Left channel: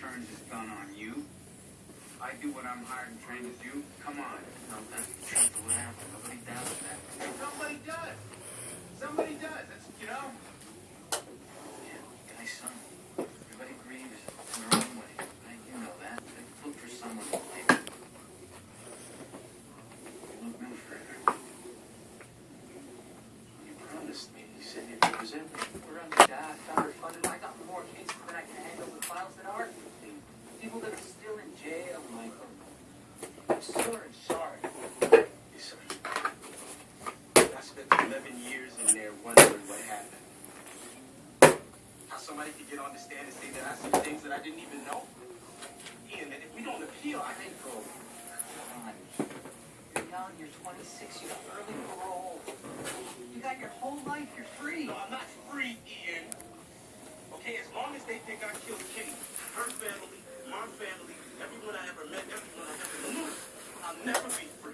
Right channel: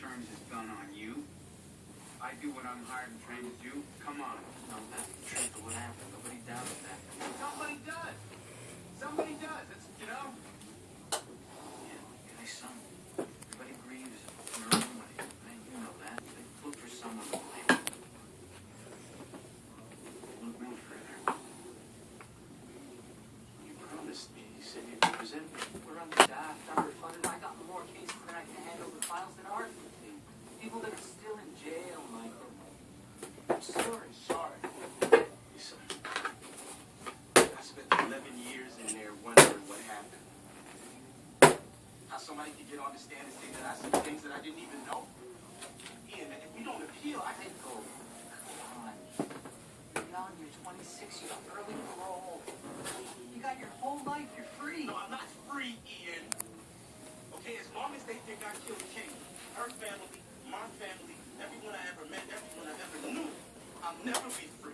turns his gun on you. I do what I'm hired and trained to do. Come on. No, that's the truth or whatever. Nobody doubts that. Somebody does. Somebody does. That's, you know. Yeah, guy's son. Everybody grieves in their own way. You know that. They look for someone to blame. Look no further. You promised me. You said you'd present me. We're under God, funded. I got more cases than I can handle with files that aren't with me. People that are still in jail, Michael. I'm sorry. Listen, I spent 11 years in there wondering what happened. How somebody could get on the stand and say that I said things that I didn't even know. Ian, if we don't appeal, I can go. Come on. You're young, you're 26, you have early parole. You got your whole life, you're free. No, I'm not free, Ian. Okay, as long as they think I killed Kate, her family, my family, everyone I ever met, everyone I ever knew, I'll never be free.